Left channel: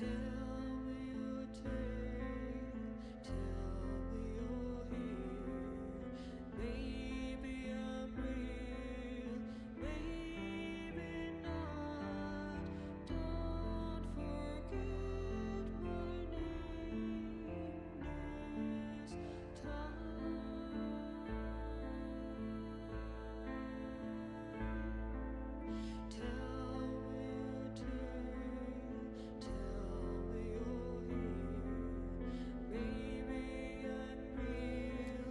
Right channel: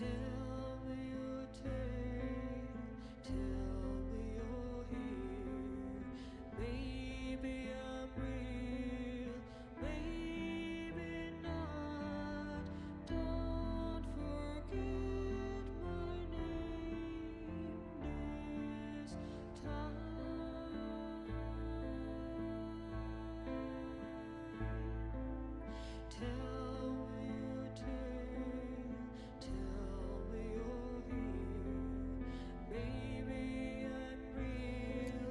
Tell me your tale, tell me you're here. Maybe I'm real, maybe not. Don't forget my name this time. Tell me your tale, tell me you're here. Maybe I'm real.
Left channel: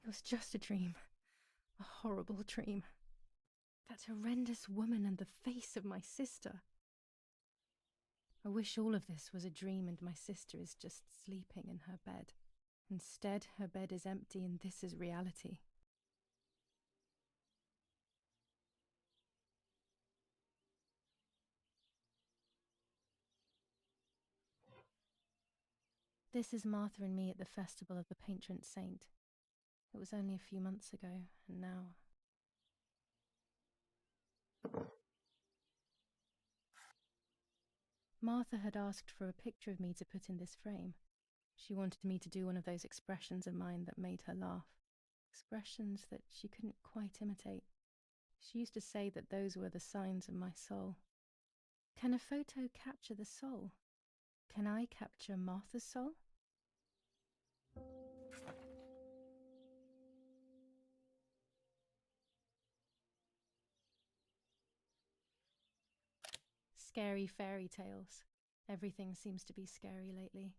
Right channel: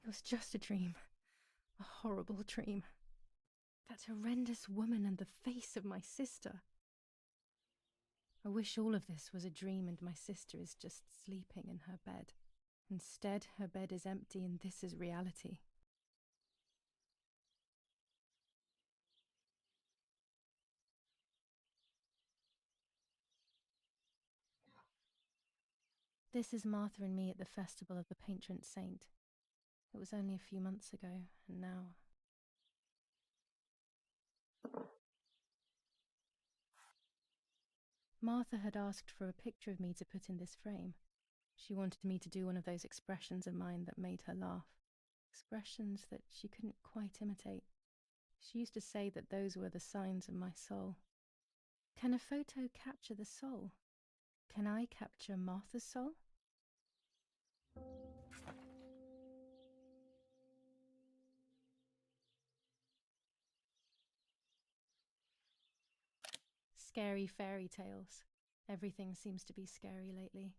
It was just a dream. A horrible dream. That horrendous woman and the face of my sister. I wish all of this was a dream and my sister is just sleeping in her bed. Instead, her bed is empty and this is reality. This is Martha and me at the festival of the patron saint. It was only a few months ago, and now... Martha had asked for a picture of me to put in this frame. She wanted me to do one of those expressions of mine that made her laugh. Expressions that she couldn't quite imitate. She used to say that those were the signs of my soul. Can a photo capture the soul? Can I capture Martha's soul? Scary fairy tales. Everything seems to be scary lately.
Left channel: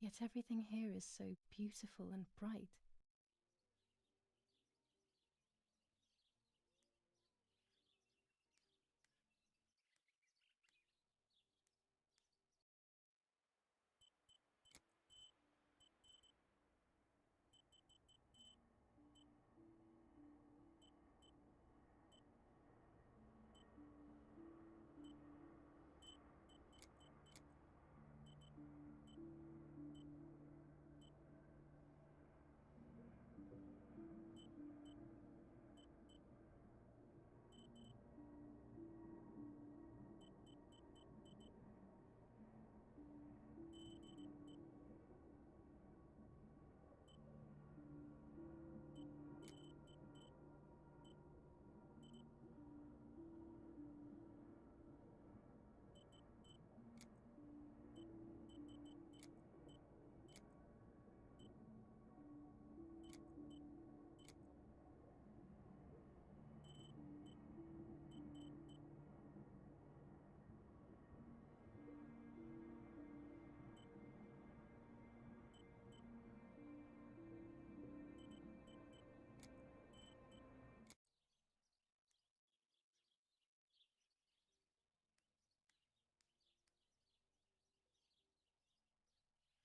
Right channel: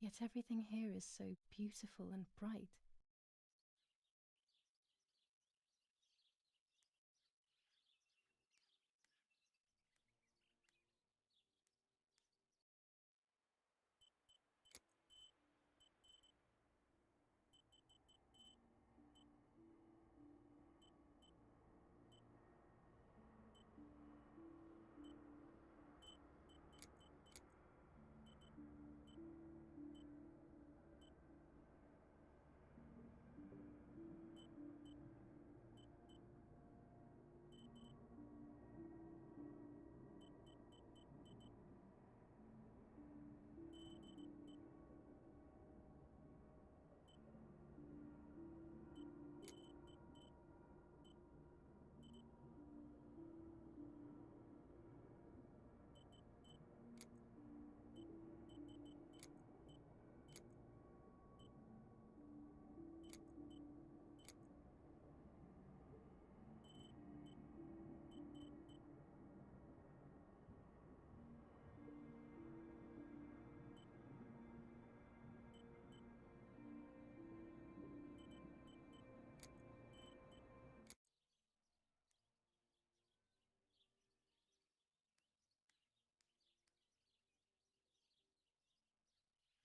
Yet everything here is so beautiful and bright.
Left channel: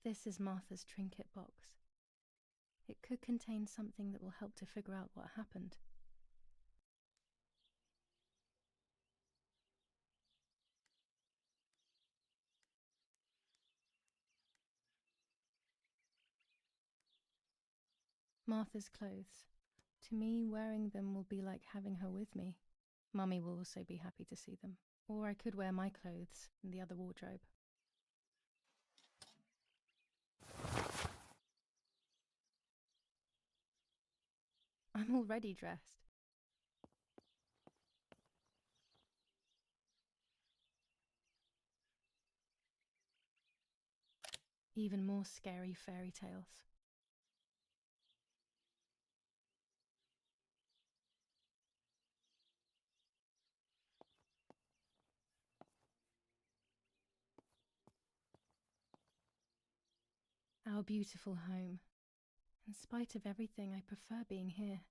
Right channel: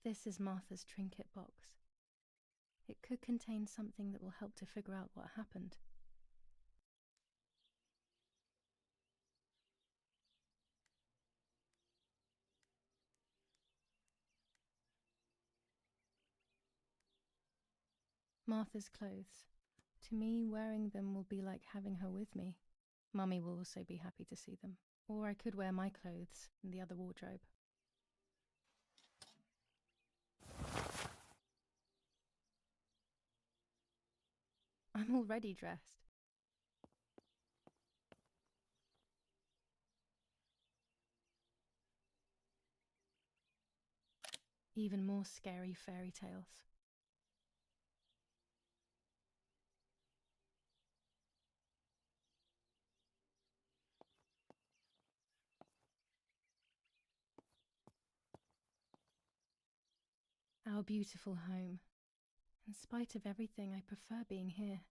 This is Martha's trinket box. It could contain something that will help to figure out what happened. Martha's clothes. To me, wearing them will be like having her with me. Mummy will also be happy to see them. Or I could wear my clothes in the other wardrobe. I'm already dressed. Even more scary fairy tales. Our beautiful home. In spite of everything, I prefer being here.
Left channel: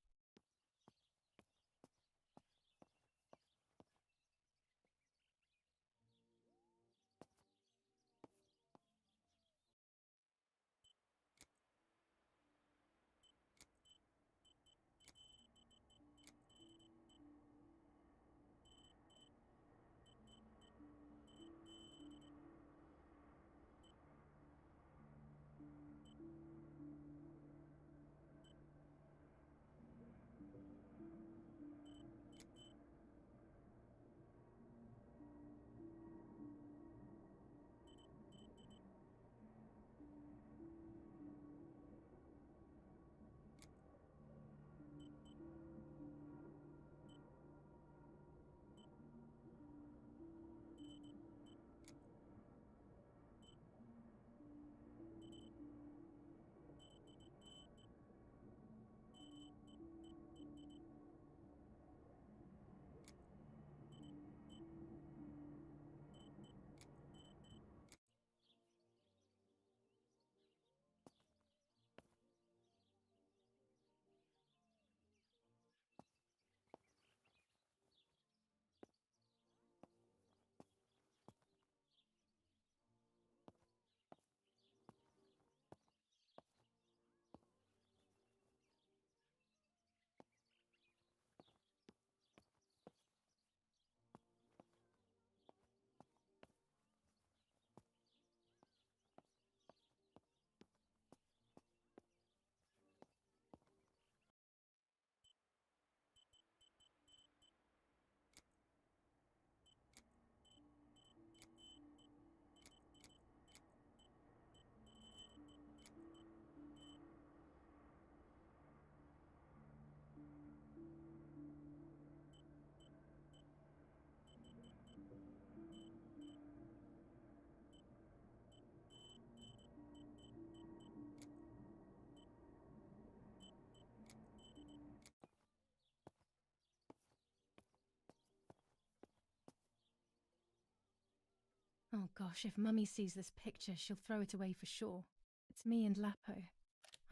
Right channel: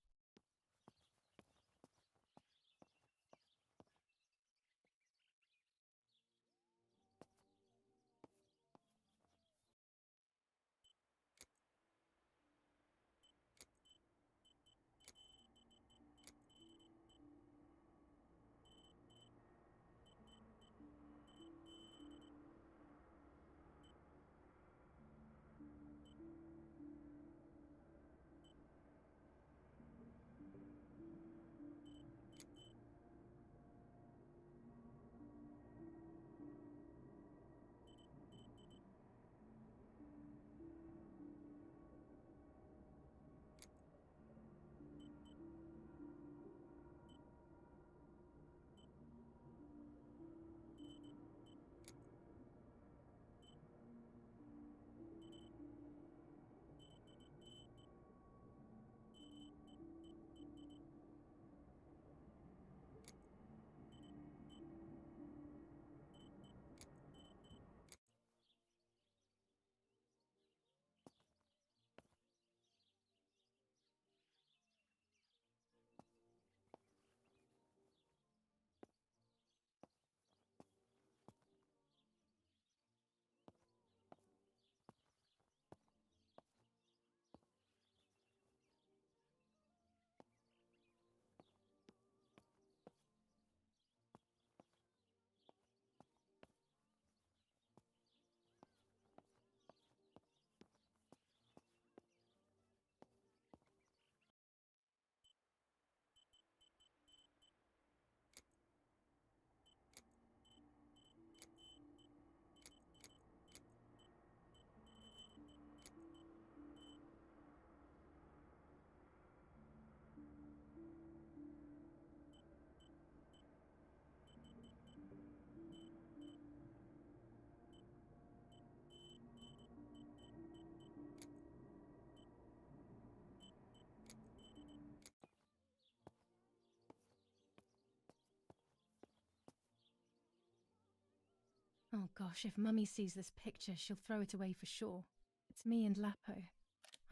Oh gosh, if Mummy sees this picture, she'll throw it away for sure. It's me and Lapo.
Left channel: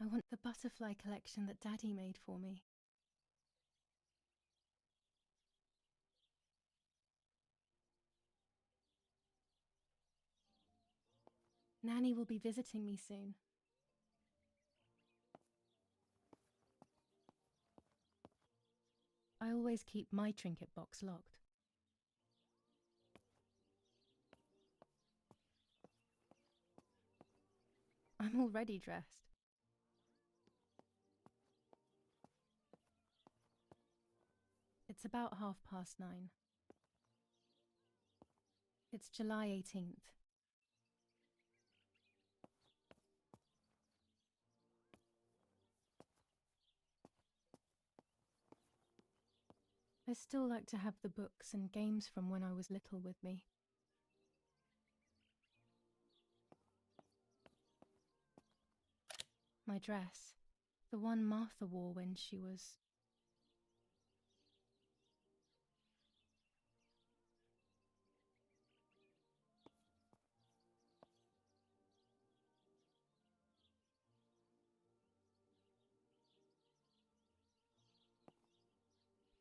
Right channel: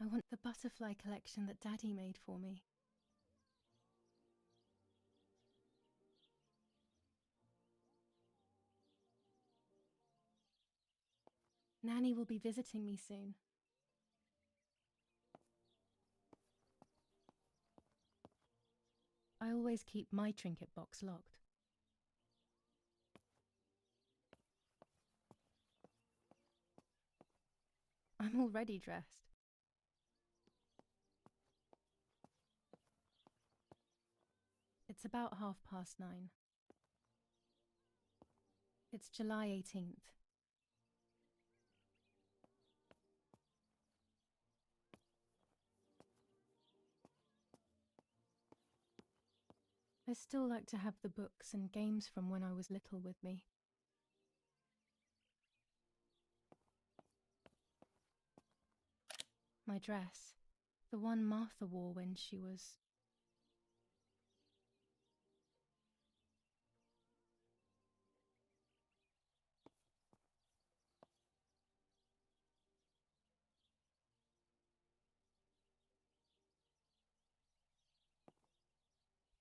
I want the butterfly collection that Daddy made for me. Nanny will be visiting me soon. I always keep my trinket box locked. I'm already dressed. It's about 9:30. It's July 18th. I still like to have the books and games from when I was little with me. My dress, the one Martha wore when she was...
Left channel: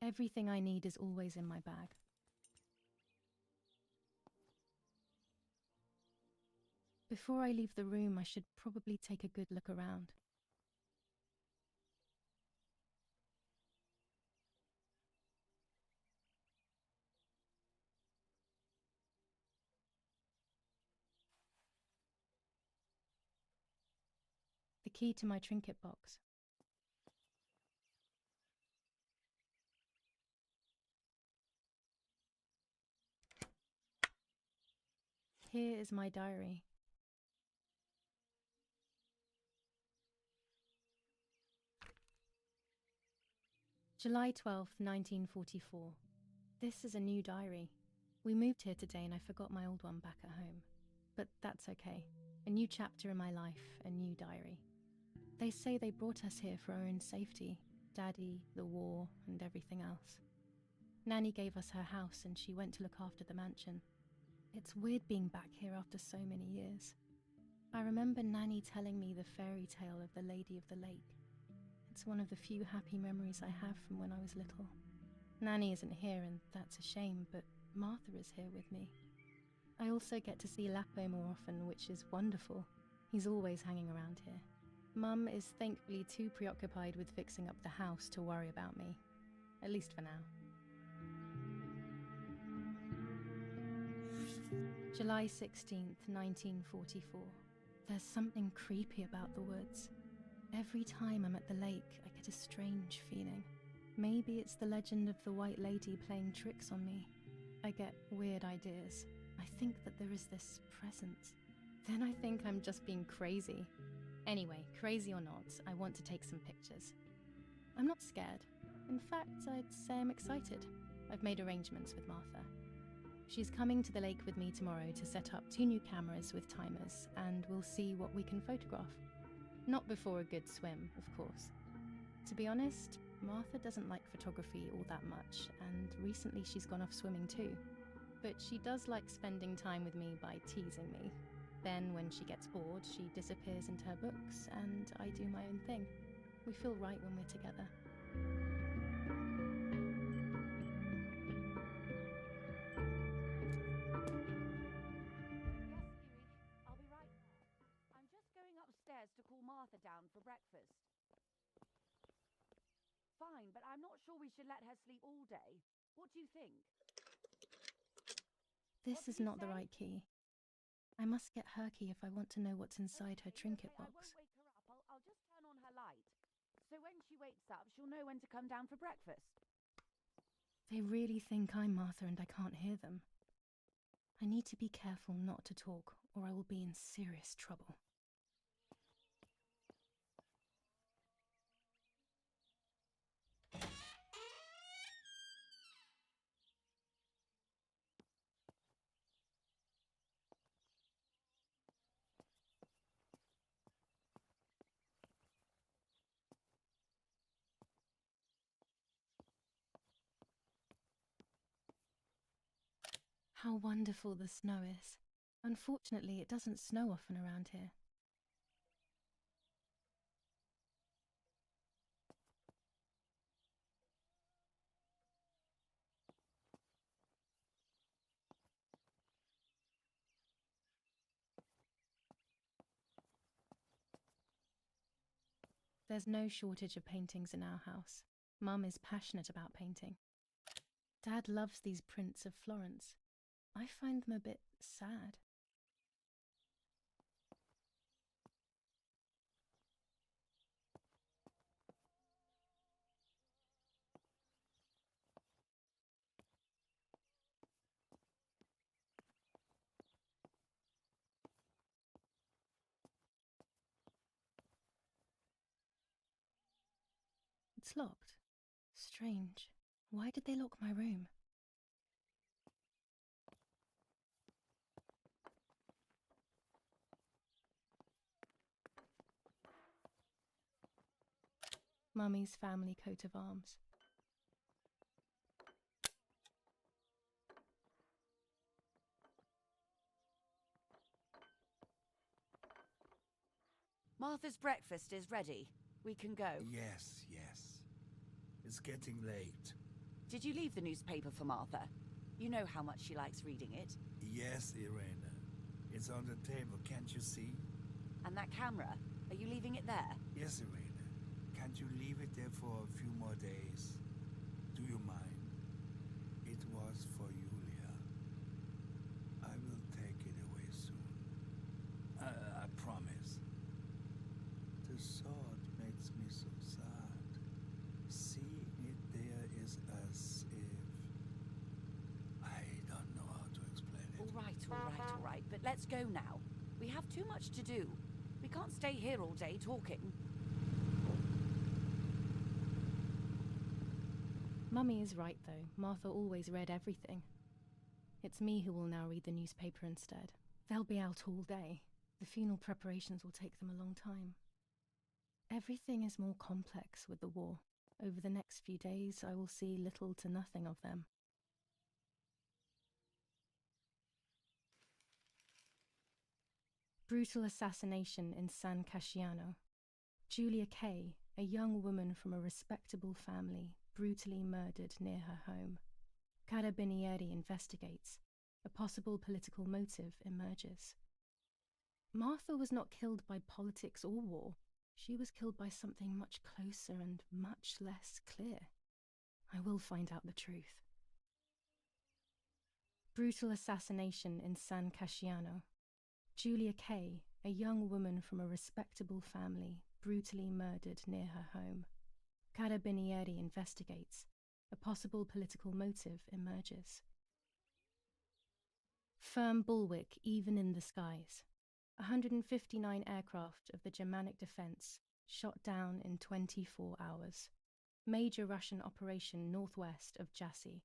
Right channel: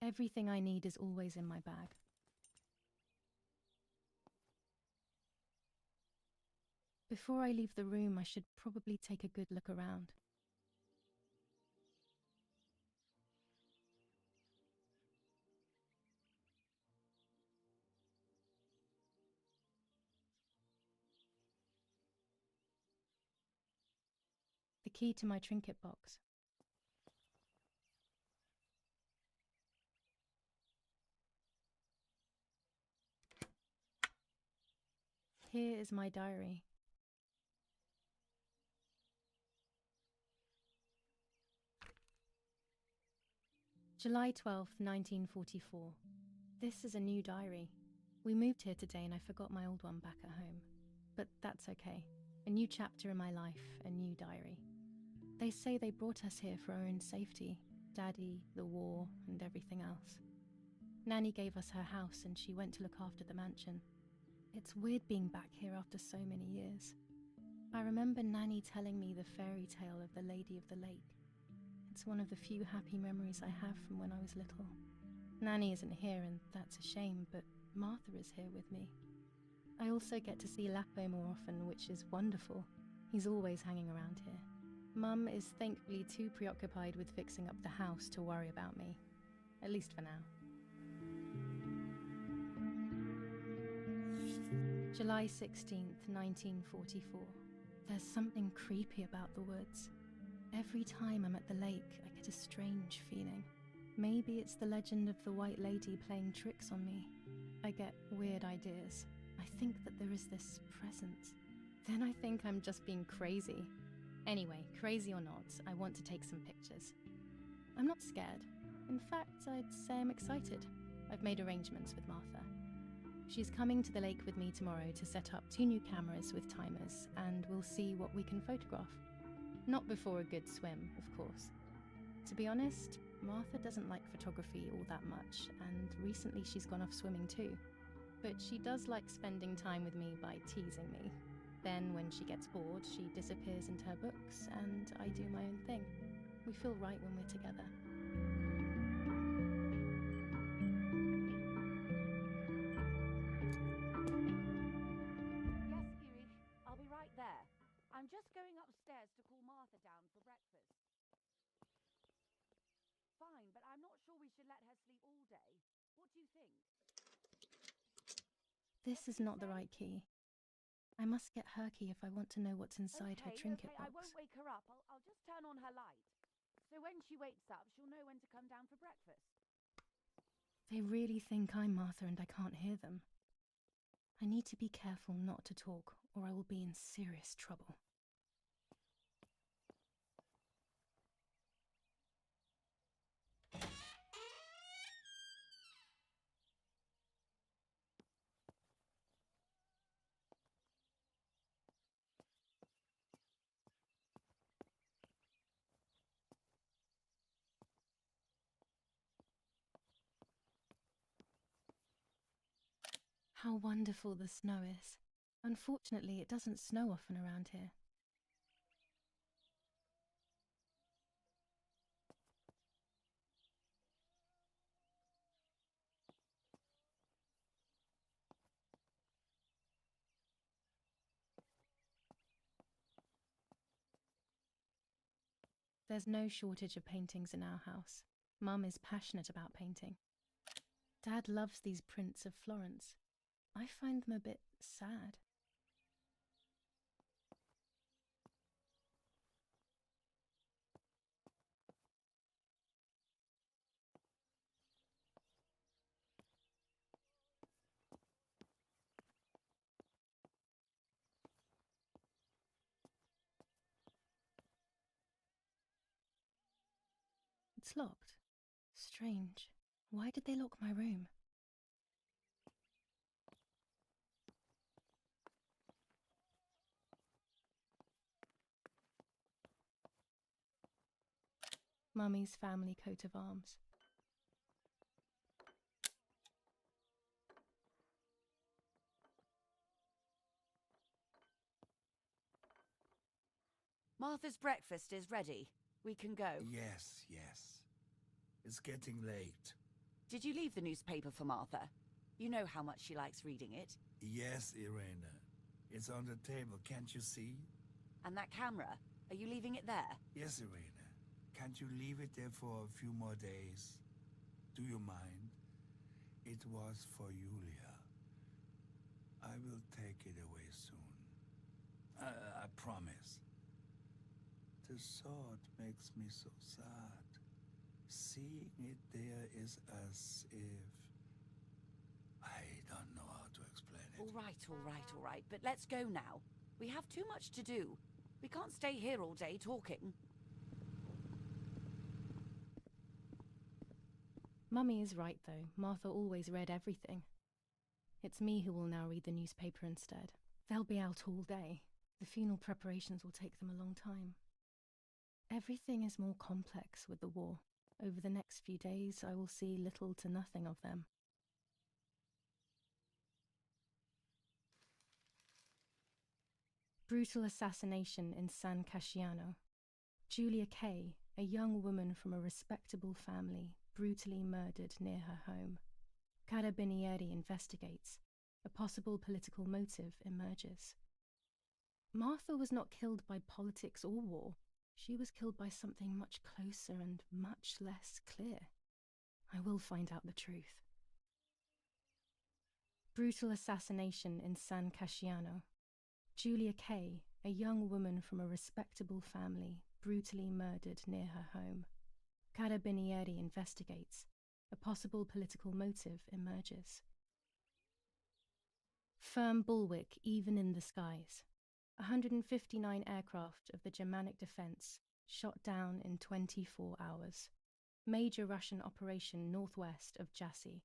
Everything I need is always in my bag. Before I leave the room, I should probably take a good look around. The key to my trinket box. Here is my diary. July 12th, 1944. This is a new diary. We moved here today and I forgot my old one back at home. But that's okay. A new chapter in my life, a new diary. They say they brought us here for our own safety. Daddy, the war, and everything else. Nanny gave us her house and she went to look after the mansion. It's weird being back here after so many years. I remember Nanny telling me the fairy tale of the Lady of the Lake. It's one of the few happy memories I have from when I was little. Nanny isn't here and that's a shame, but Martha is here with me. I also get to see Lapo more often, which is wonderful. He's always hanging around here. Mum is thankfully too preoccupied with fixing up the house to worry about me. At least for now. July 16th, 1944. There's something creepy about the woods. Every time I'm at the lake, I get a strange feeling. Maybe it's the legend of the white lady playing tricks on me. I get weird ideas. I think that there is this presence. Then I think I'm just being crazy. Anyway, crazy or not, I want to take some pictures. I'm not scared. In fact, I'd say I'm excited. I've made arrangements with Martha. She's coming to the lake with me tomorrow to set up 2 new cameras with timers, and we'll see what we can photograph. Not before a good swim, of course. To be honest, Martha doesn't like photography all that much, and recently she's gone off swimming too. But she does like spending time with me by teasing me. Then, when she gets bored, she disappears into her books, and I do my own thing. We feel right when we're together. Yes, Huey, I'll be right there. I'm just going upstairs to call Martha down for breakfast. Fine, but I'm not sure we should let her sleep all day. What do you think? This What is did you not the say? right key. I must get her key if I want to know what's inside her Okay, trinket I box. won't wake her up. I'll just turn on her light. So when she wakes up, she'll know when to come down for breakfast. They really think I'm Martha and I can't hear them. I need to be careful not to talk, or I will be in serious trouble. How wonderful the snow is. Unfortunately, it doesn't snow often around here. There's no shortage of paintings in our house. Mum is passionate about painting. Dad loves these prints of Florence. I find them a bit sad. It's locked. Strange. Why did they lock my room? Mummy's family coat of arms. Martha's breakfast is ready. We can go. Yes, yes. It's getting late. Did you leave the newspaper for Martha? You know how much she likes reading it. Yes, Irena. It's on the table, can't you see? And that camera, are you leaving it there? Yes, Irena. Can't you leave it there for a few more days? Do you mind? It was for Julia. I will take it away soon. I promise. The thought makes me so sad. Seeing it there is as if... I don't know how to explain it. All right. But let's go now. We have too much to do. We can't stay here all day talking. Mummy is right, though. Martha always read everything. It's me who will now read the newspaper instead. They'll be out all day. The funeral preparations will take them a long time. Everything is more complex with the war. Over the next few days, I will see little to nothing of them. Brutal assassination in San Casciano. Julia Kay, a young woman from a respectable family, brutally murdered near her home. Carabinieri investigates. A possible political motive emerges. Martha was not killed by politics or war. She was killed by something much closer and much less clear. I will find out the truth. Brutal assassination in San Casciano. Julia Kay, a young woman from a respectable family, brutally murdered near her home. Carabinieri investigates. A possible political motive emerges. Firm bulwark even in the skies. 159 aircraft of the Germanic defense shot down in 24 hours. Major Russian operation northwest of Jassy.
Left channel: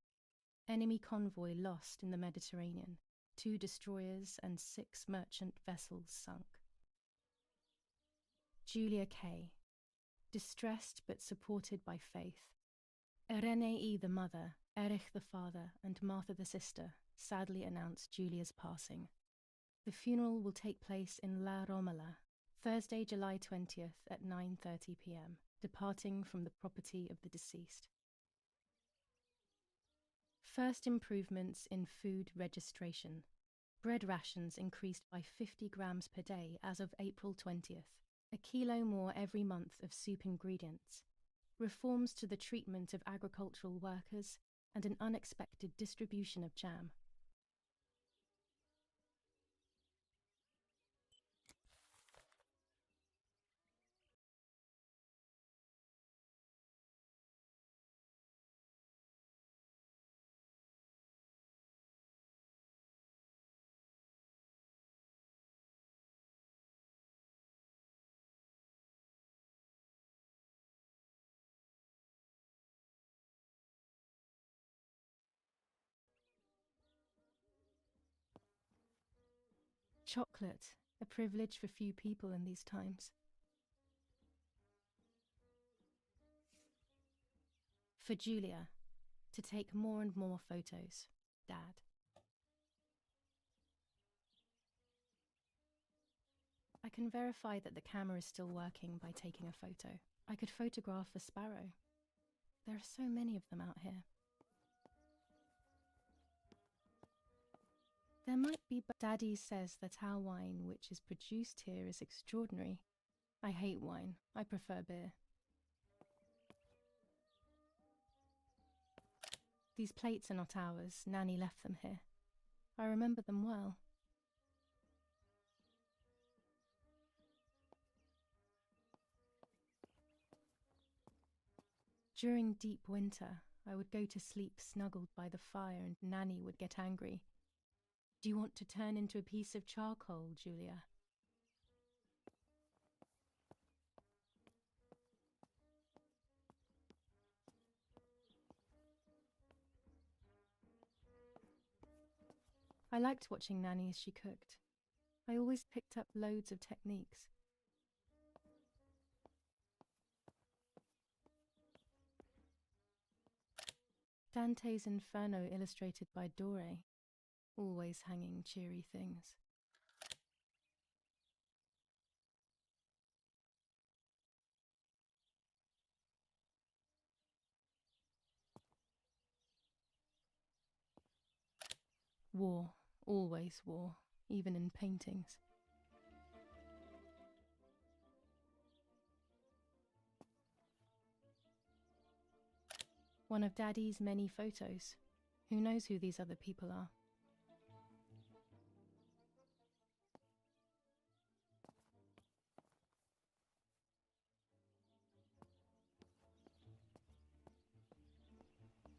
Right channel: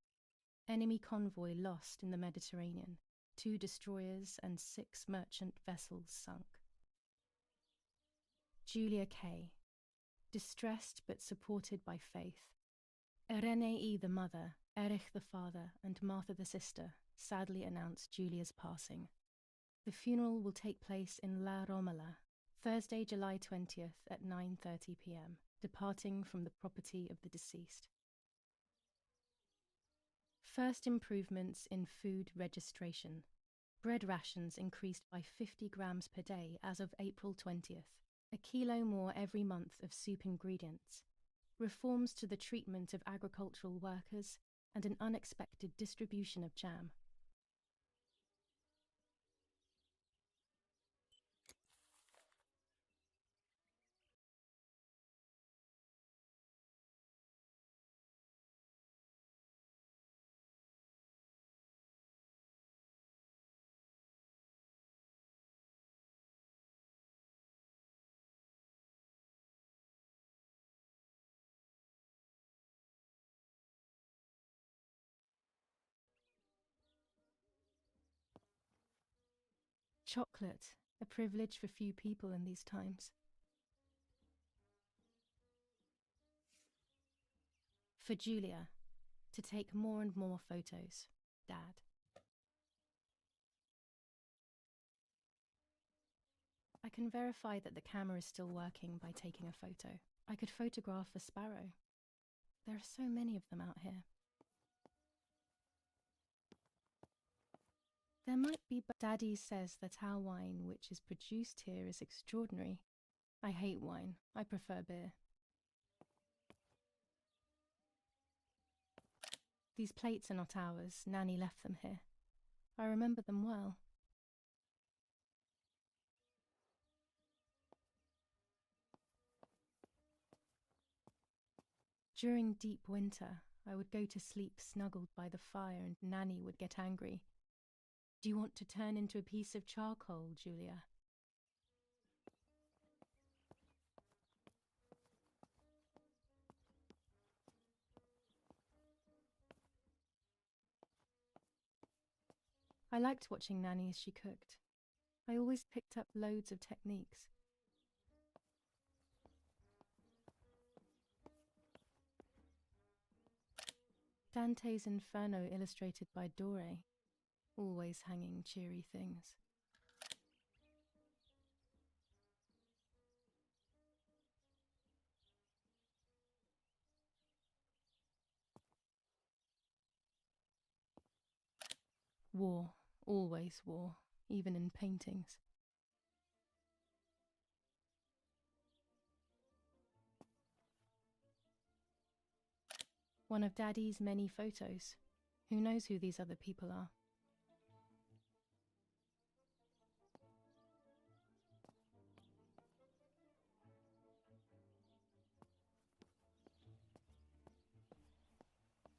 Enemy convoy lost in the Mediterranean. 2 destroyers and 6 merchant vessels sunk. Julia Kay. Distressed but supported by faith. Irenei the mother, Erich the father, and Martha the sister sadly announced Julia's passing. The funeral will take place in La Romola, Thursday, July 20th at 9:30 p.m., departing from the property of the deceased. First improvements in food registration. Bread rations increased by 50 grams per day as of April 20th, a kilo more every month of soup ingredients. Reforms to the treatment of agricultural workers and an unexpected distribution of jam. Chocolate, a privilege for few people in these times. For Julia, to take more and more photos, Dad. can verify that the camera is still working by taking a photo. I could photograph a sparrow. There are so many of them out here. There might be, but Daddy says that our wine, which is produced here, is extraordinary. I hate wine. I prefer beer. These plates are not ours. Nanny left them here. I remember them well. During deep winter, I would go to sleep snuggled by the fire and Nanny would get angry. Do you want to turn into a piece of charcoal, Julia? I liked watching Nanny as she cooked. I always picked up loads of techniques. Dante's Inferno illustrated by Dore, always hanging cheery things. War, always war, even in paintings. One of Daddy's many photos. Who knows who these other people are?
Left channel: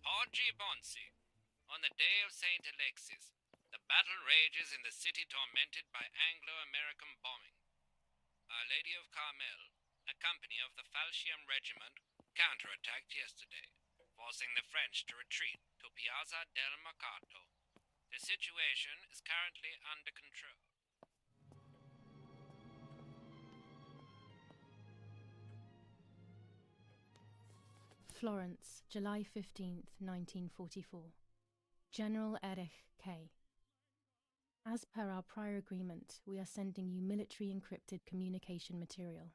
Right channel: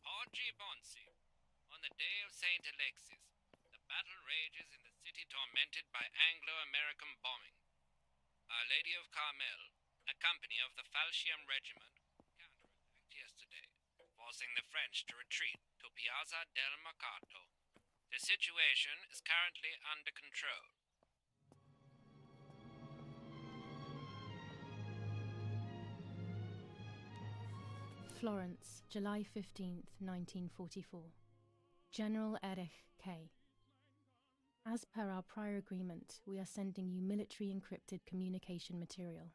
Oggi Bonsi. On the day of Saint Alexis, the battle rages in the city tormented by Anglo-American bombing. Our Lady of Carmel, a company of the Falchium Regiment, counterattacked yesterday, forcing the French to retreat to Piazza del Mercato. The situation is currently under control. Florence, July 15th, 1944. General Erich K. As per our prior agreement, we are sending you military encrypted communication material.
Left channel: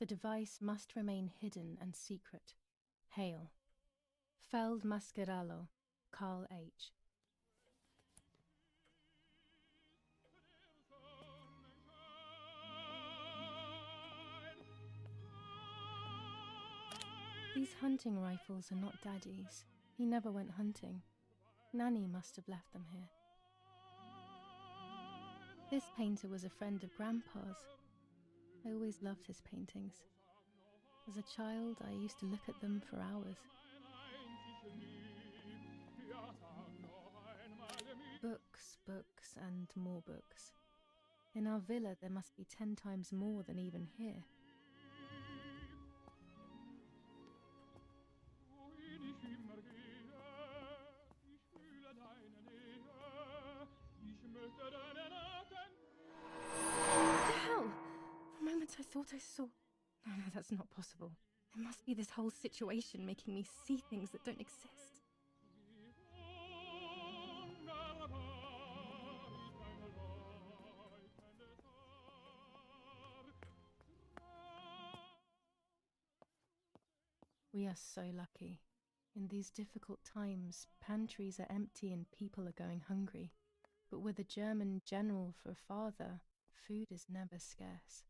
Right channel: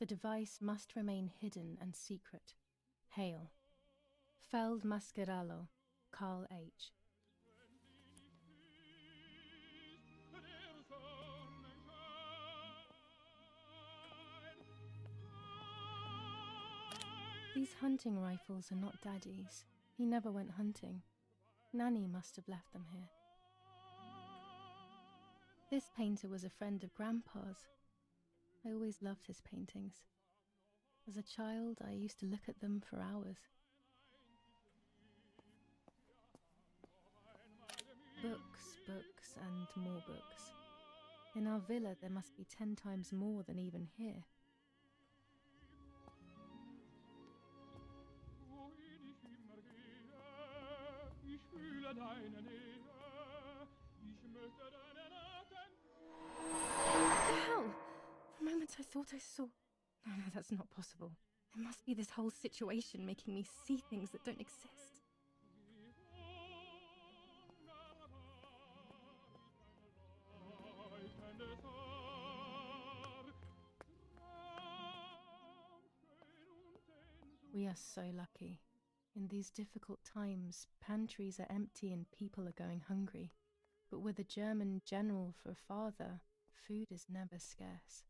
The device must remain hidden and secret. Hail. Feld Mascherallo, Carl H. These hunting rifles are not Daddy's. He never went hunting. Nanny must have left them here. This painter was a friend of Grandpa's. I always loved his paintings. As a child, I used to look at them for hours. Books, books, and more books. In our villa, there must be 10 times more than even here. What the hell? For a moment I thought I saw... No, that's not possible. It must be this whole situation making me see things that don't exist. We are so lucky. In these difficult times, pantries are empty and people are going hungry. But with a German general for a father, food is never scarce.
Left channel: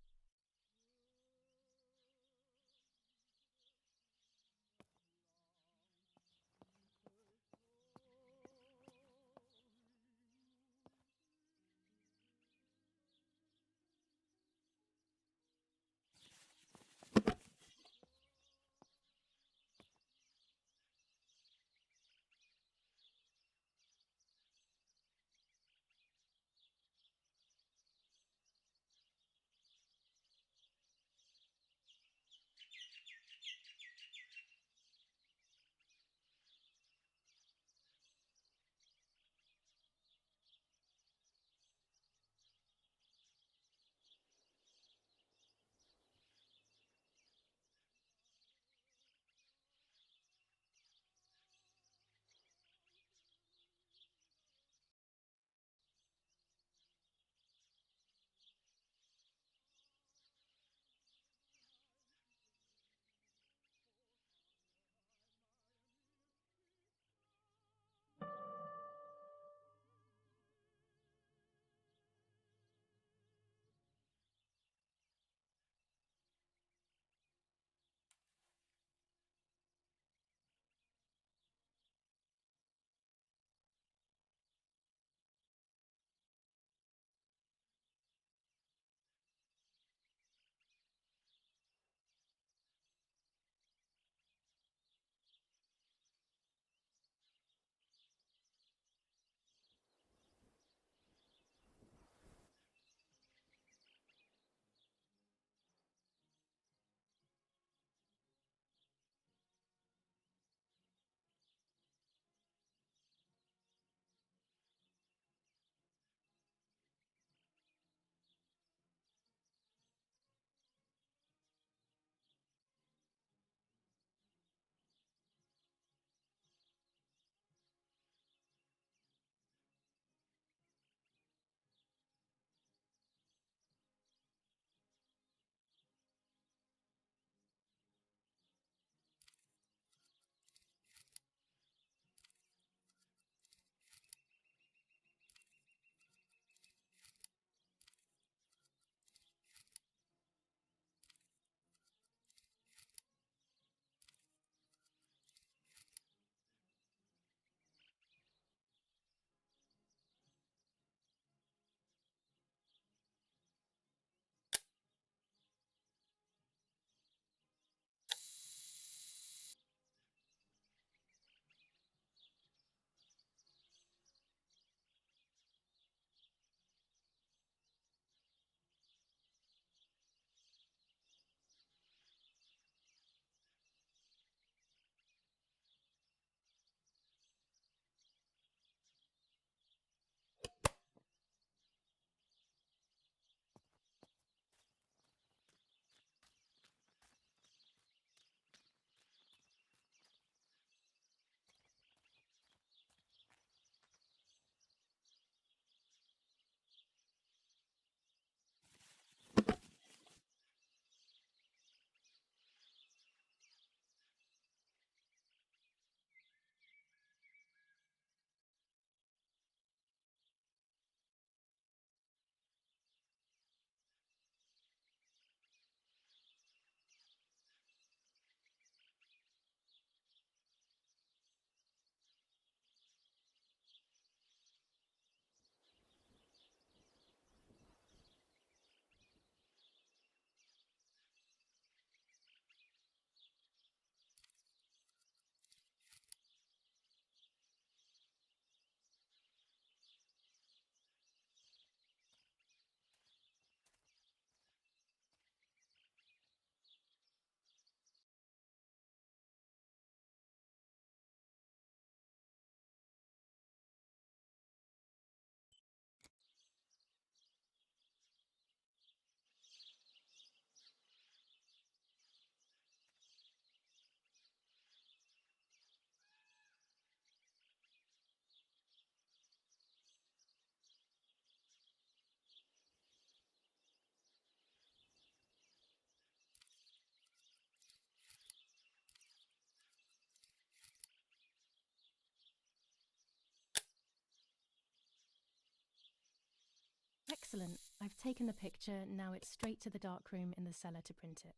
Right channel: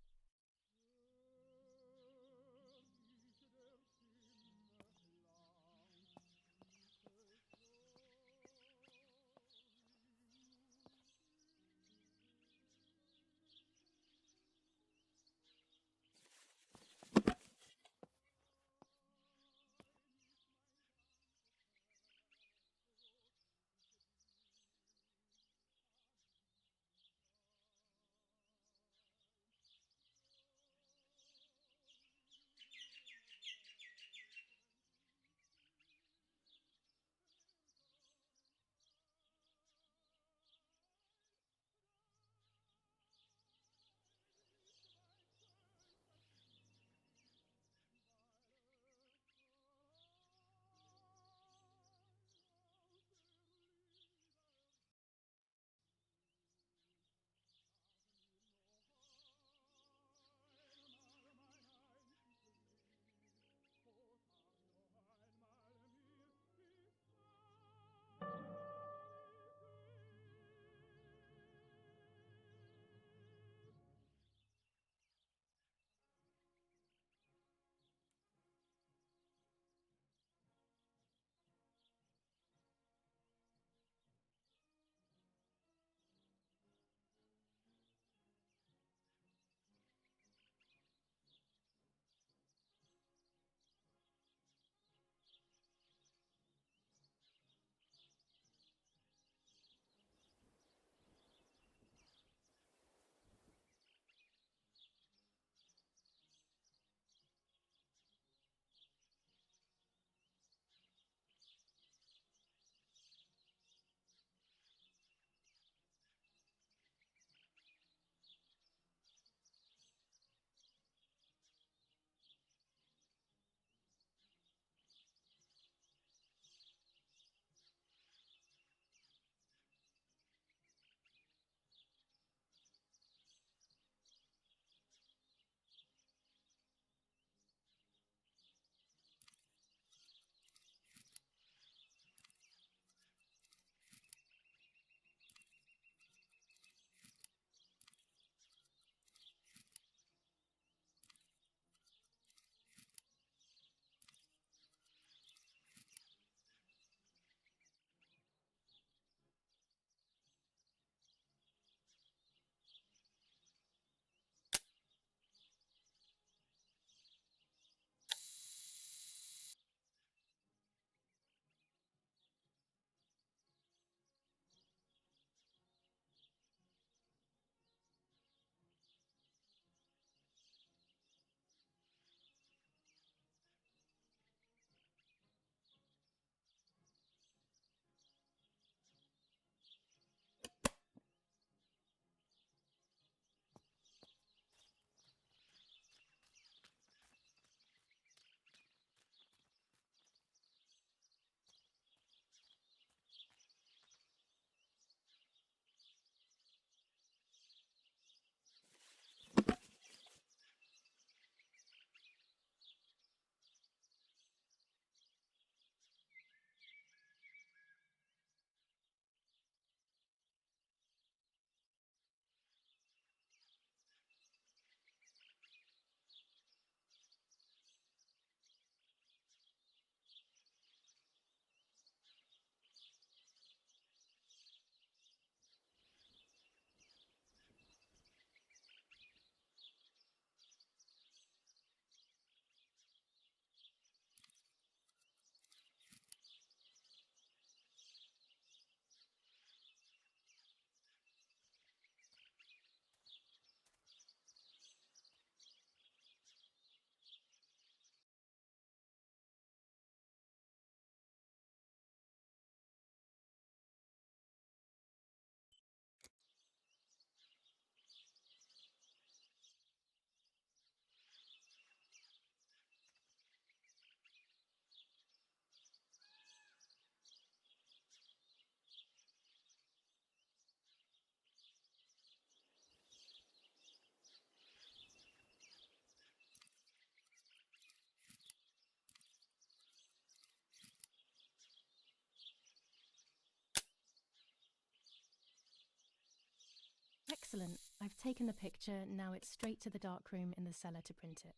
Excellent. I've taken the picture, now it's straight to the darkroom in the cellar to print it.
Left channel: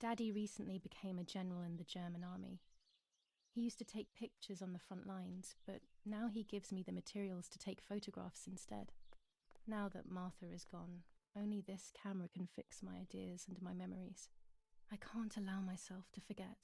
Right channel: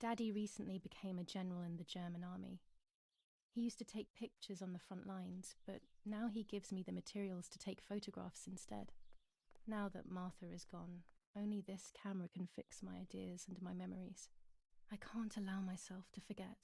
Daddy recently became a general in the German army. He used to take pictures on the front lines, but now he gives me the materials to take photographs instead. Now that Martha is gone, only this camera can fix my ideas and my memories. I can't allow myself to forget.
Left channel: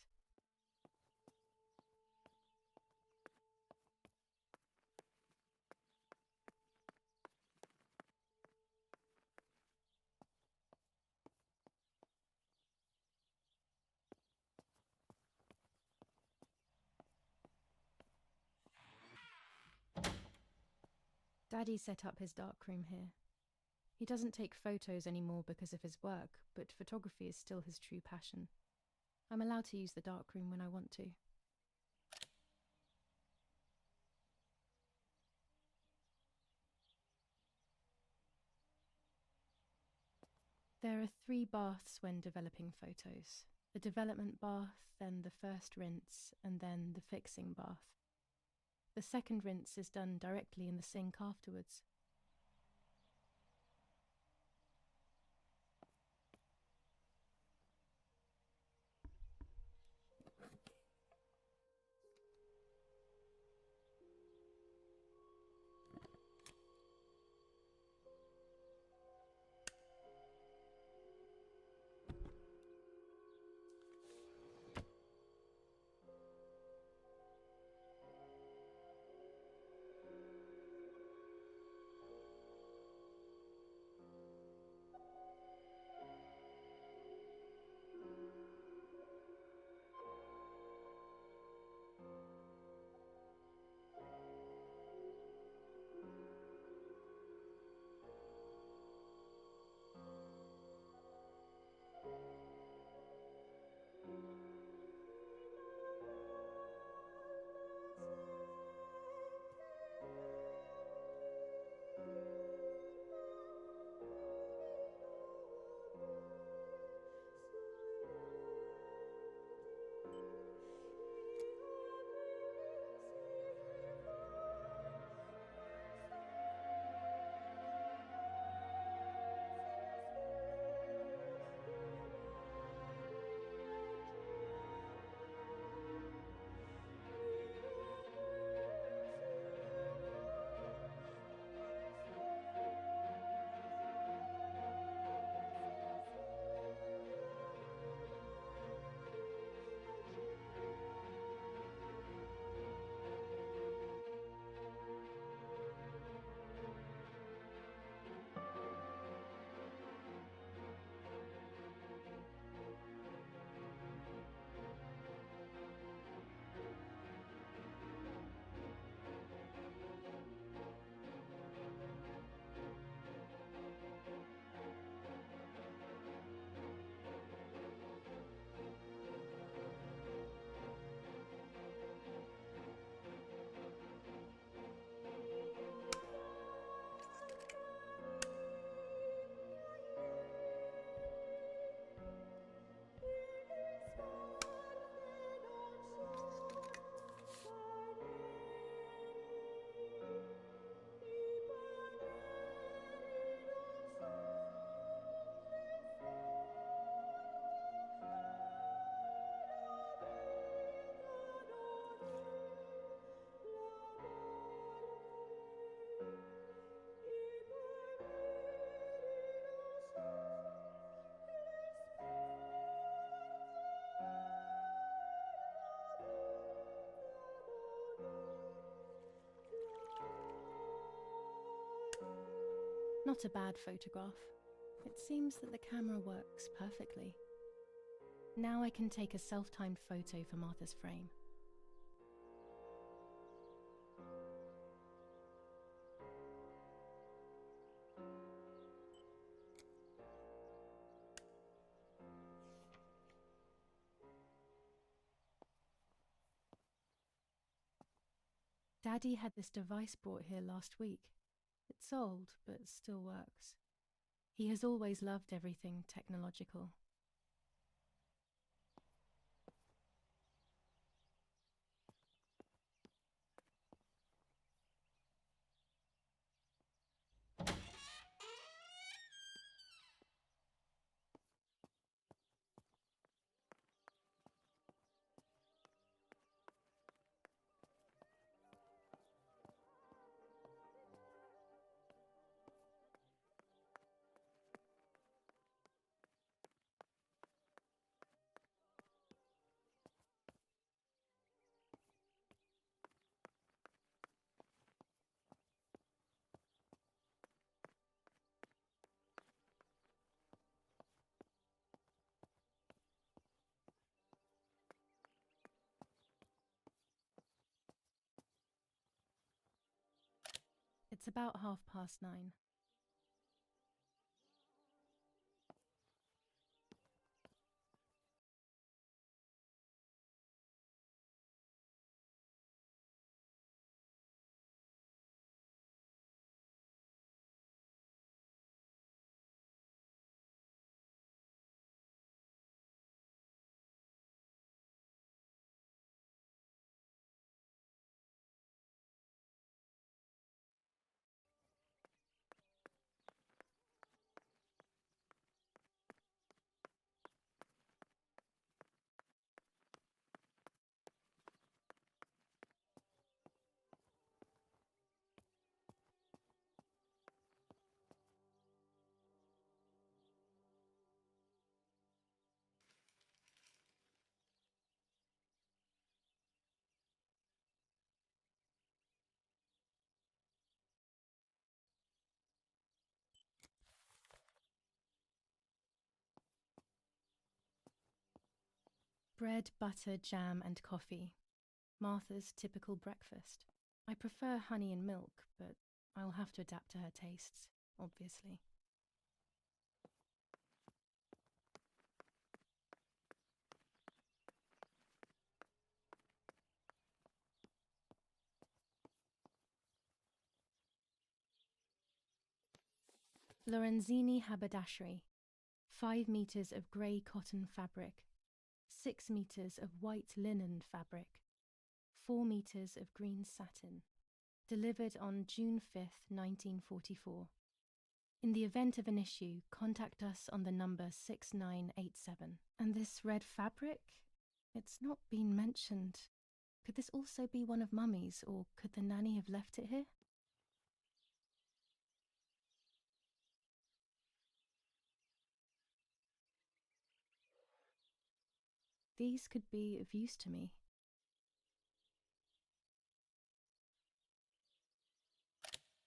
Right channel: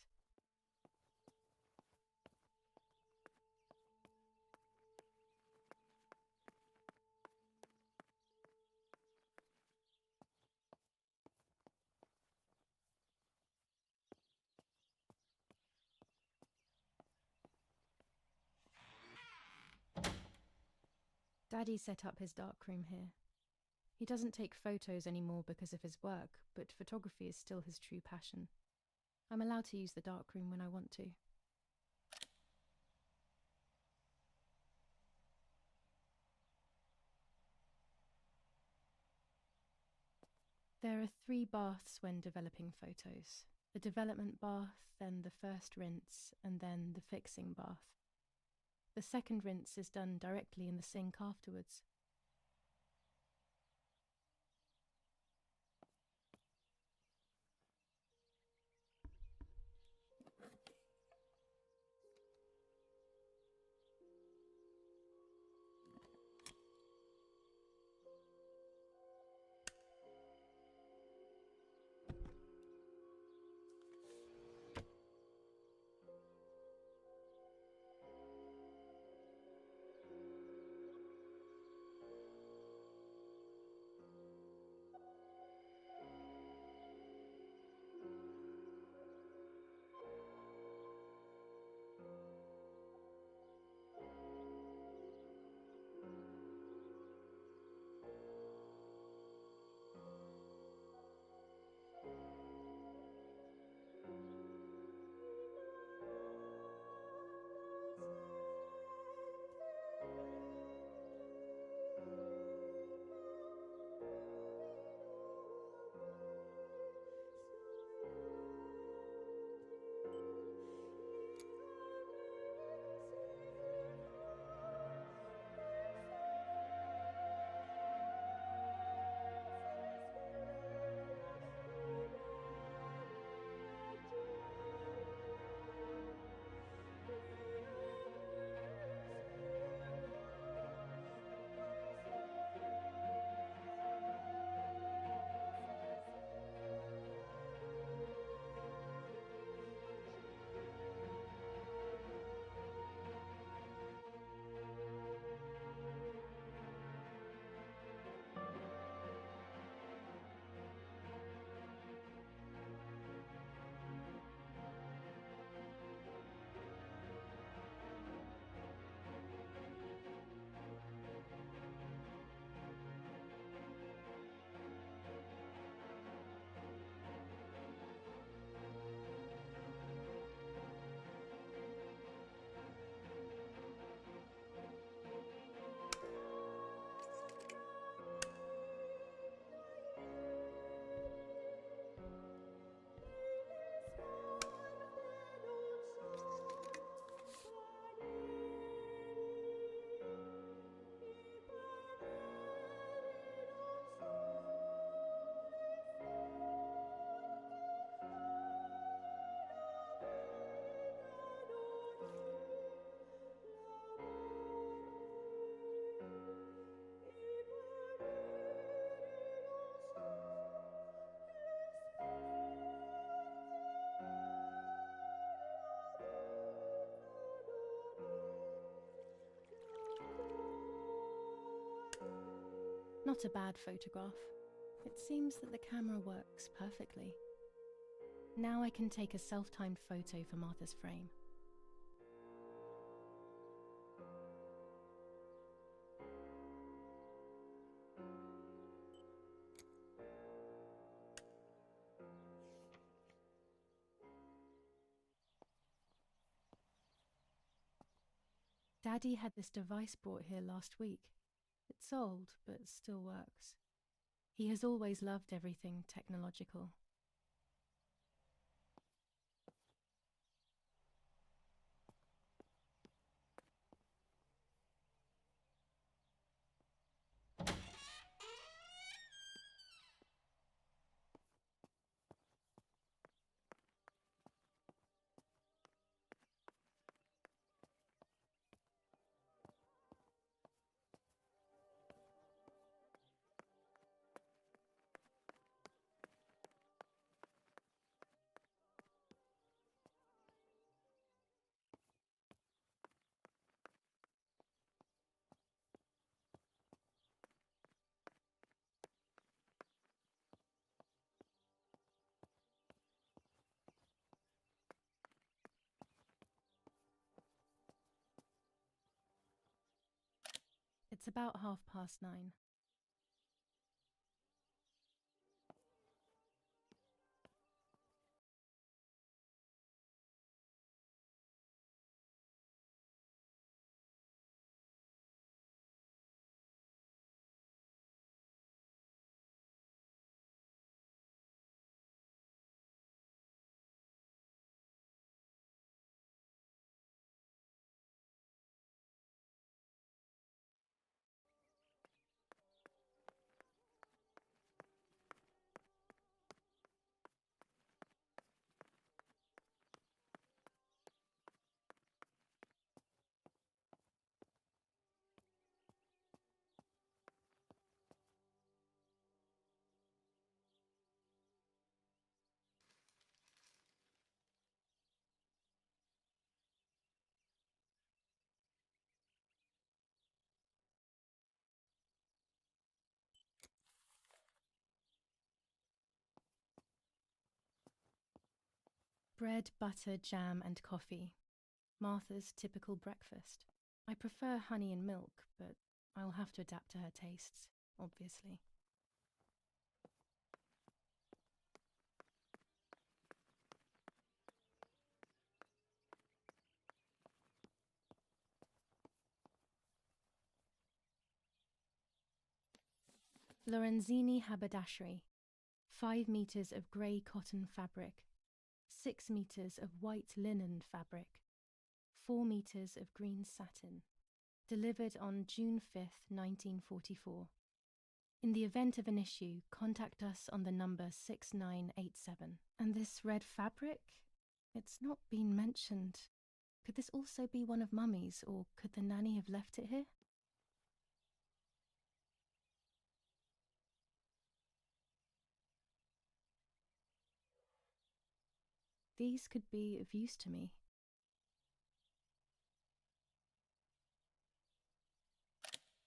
Daddy set up his darkroom here. He doesn't take photos anymore because of his work, but photography is still his true passion. I'm allowed to use the darkroom when I want to. There are 3 baths when developing photos. The development bath, then the first rinse, and then the fixing bath. The second rinse is done directly in the sink afterwards. Not a bad photograph. It seems that the camera works perfectly. Now I can take a self-timed photo for Martha's frame. Daddy had this device brought here last week. It's old, but still works. He has always loved everything technological. It's about 9:30. Bread, butter, jam and coffee. Martha's typical breakfast. I prefer honey and milk, but I'll have to adapt to her tastes, obviously. Lorenzini haberdashery. 5 meters of grey cotton fabric. 6 meters of white linen fabric. 4 meters of green satin. Delivered on June 5th, 1944. In the event of an issue, contact us on the number 6987. And this red fabric? It's not been mentioned. Could this also be one of Mummy's, or could the nanny have left it here? These could be of use to me.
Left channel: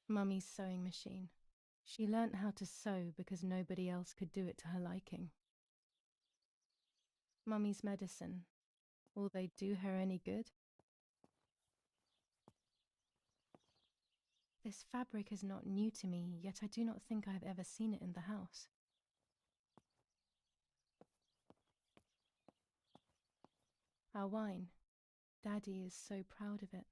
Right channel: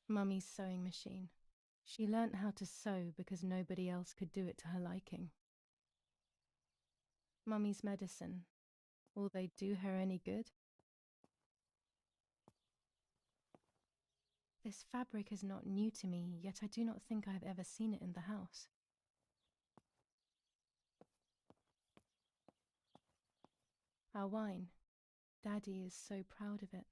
Mummy's sewing machine. She learnt how to sew because nobody else could do it to her liking. Mummy's medicine. Will they do her any good? This fabric is not new to me, yet I do not think I have ever seen it in the house. Our wine. Daddy is so proud of it.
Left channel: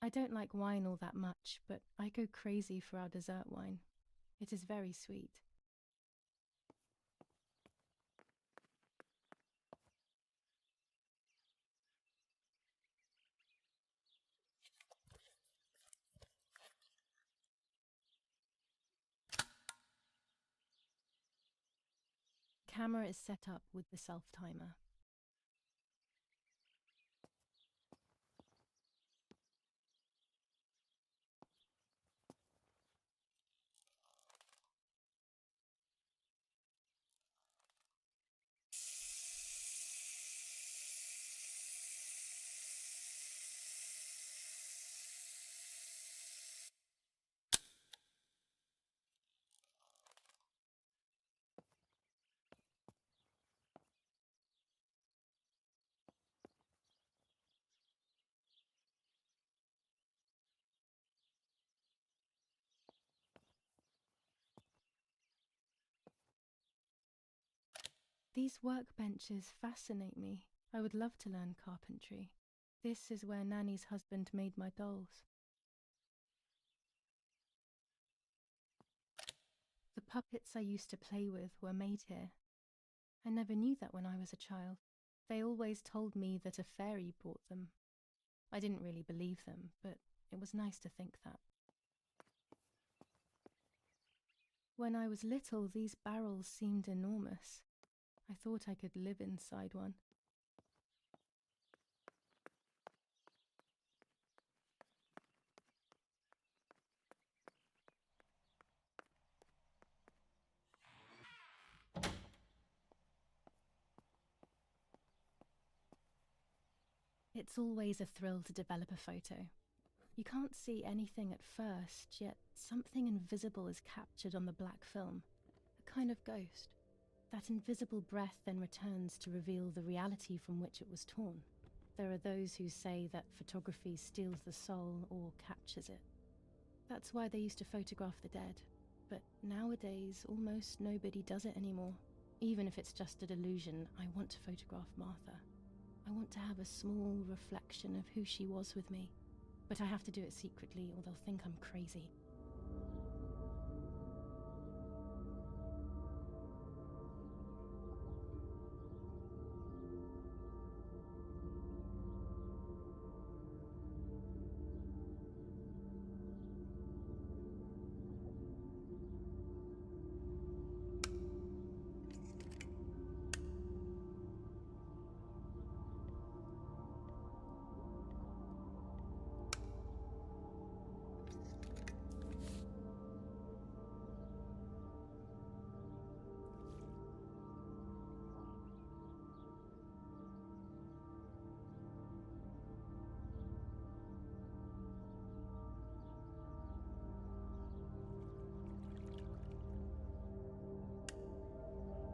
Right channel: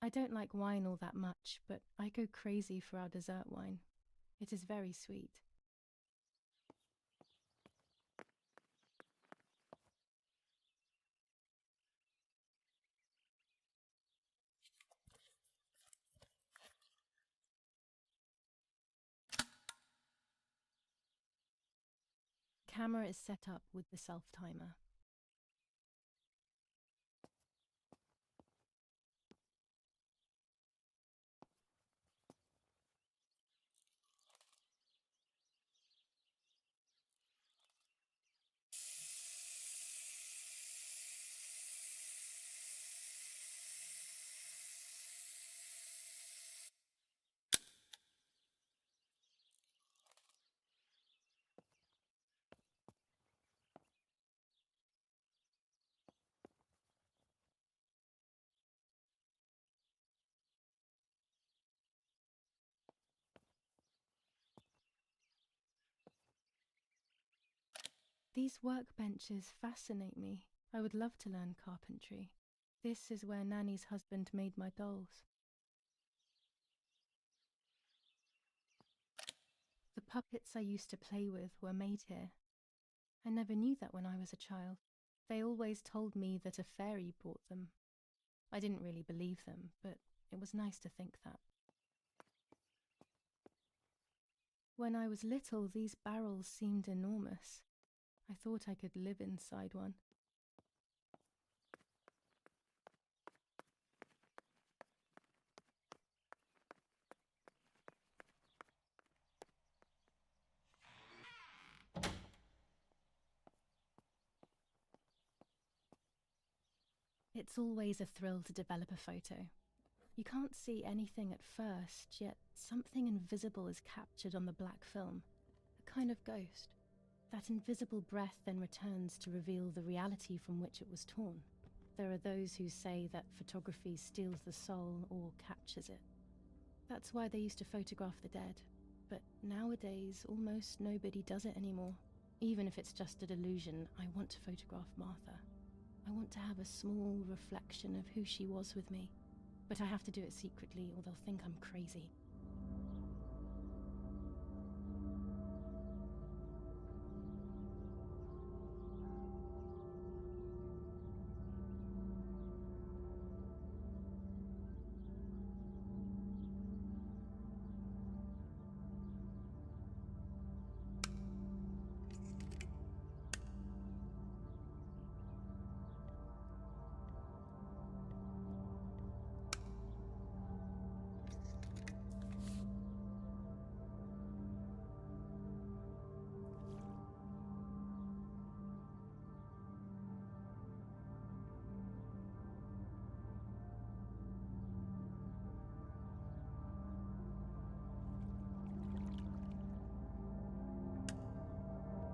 I don't like wine all that much, but I go crazy for our dessert wine. It is very sweet. Camera is set up with the self-timer. These workbenches fascinate me. I would love to learn carpentry. This is where Nanny's husband made my dolls. The puppets I used to play with were made here. I never knew that when I was a child. They always told me that a fairy brought them. I didn't really believe them, but it was nice to think that. When I was little, these barrels seemed enormous. I thought I could live inside one. It's always a thrill to develop a photo. You can't see anything at first, yet something invisible is captured on the black film, a kind of ghost. That invisible breath then returns to reveal the reality from which it was torn. There are those who say that photography steals the soul or captures it. That's why they used to photograph the dead. But nowadays, almost nobody does it anymore. Even if it's just a delusion, I want to photograph Martha. I want to have a small reflection of who she was with me. But I have to do it secretly or they'll think I'm crazy.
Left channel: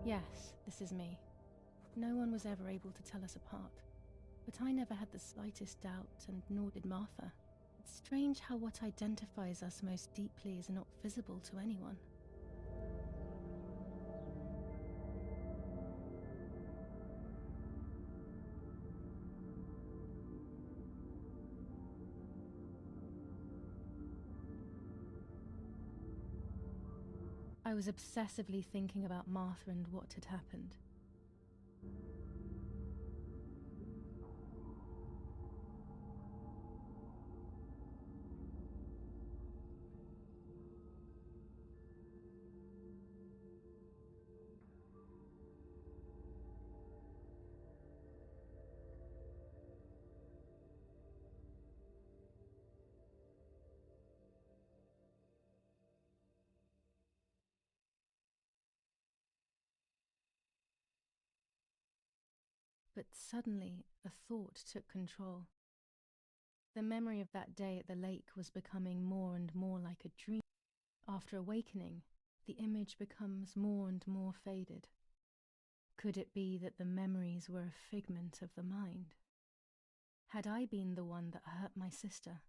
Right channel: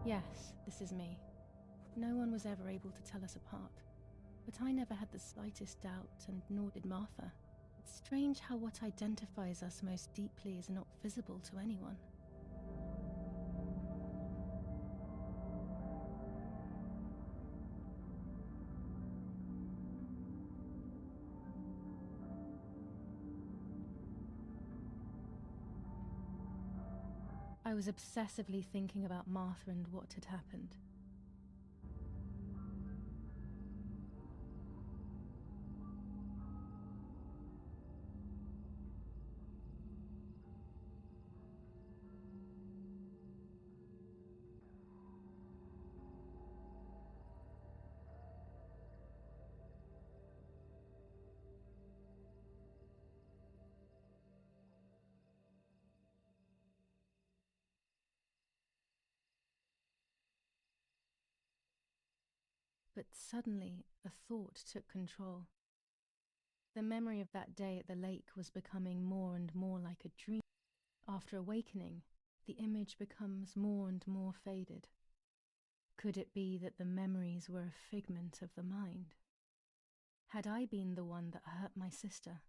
Yes, this is me. No one was ever able to tell us apart. But I never had the slightest doubt, and nor did Martha. It's strange how what identifies us most deeply is not visible to anyone. I was obsessively thinking about Martha and what had happened. But suddenly, a thought took control. The memory of that day at the lake was becoming more and more like a dream. After awakening, the image becomes more and more faded. Could it be that the memories were a figment of the mind? Had I been the one that hurt my sister?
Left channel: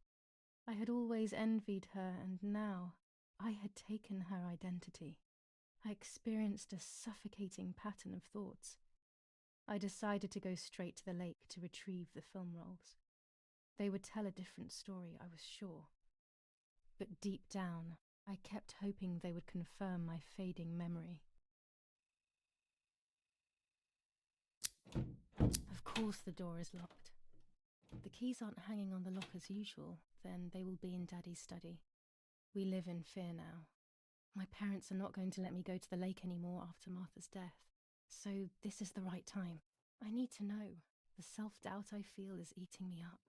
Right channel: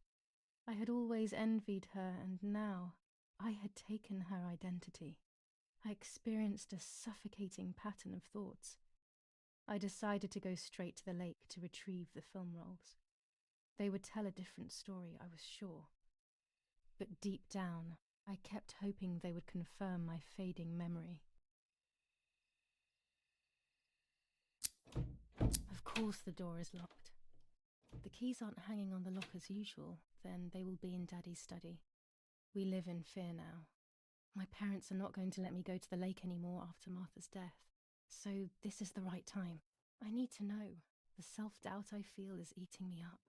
I had always envied her, and now I had taken her identity. I experienced a suffocating pattern of thoughts. I decided to go straight to the lake to retrieve the film rolls. They would tell a different story, I was sure. But deep down, I kept hoping they would confirm my fading memory. Of course the door is locked. The keys aren't hanging on the lock as usual, then they will be in Daddy's study. We live in fear now. My parents are not going to let me go to the lake anymore after Martha's death. So this is the right time. I need to know. The self-doubt I feel is eating me up.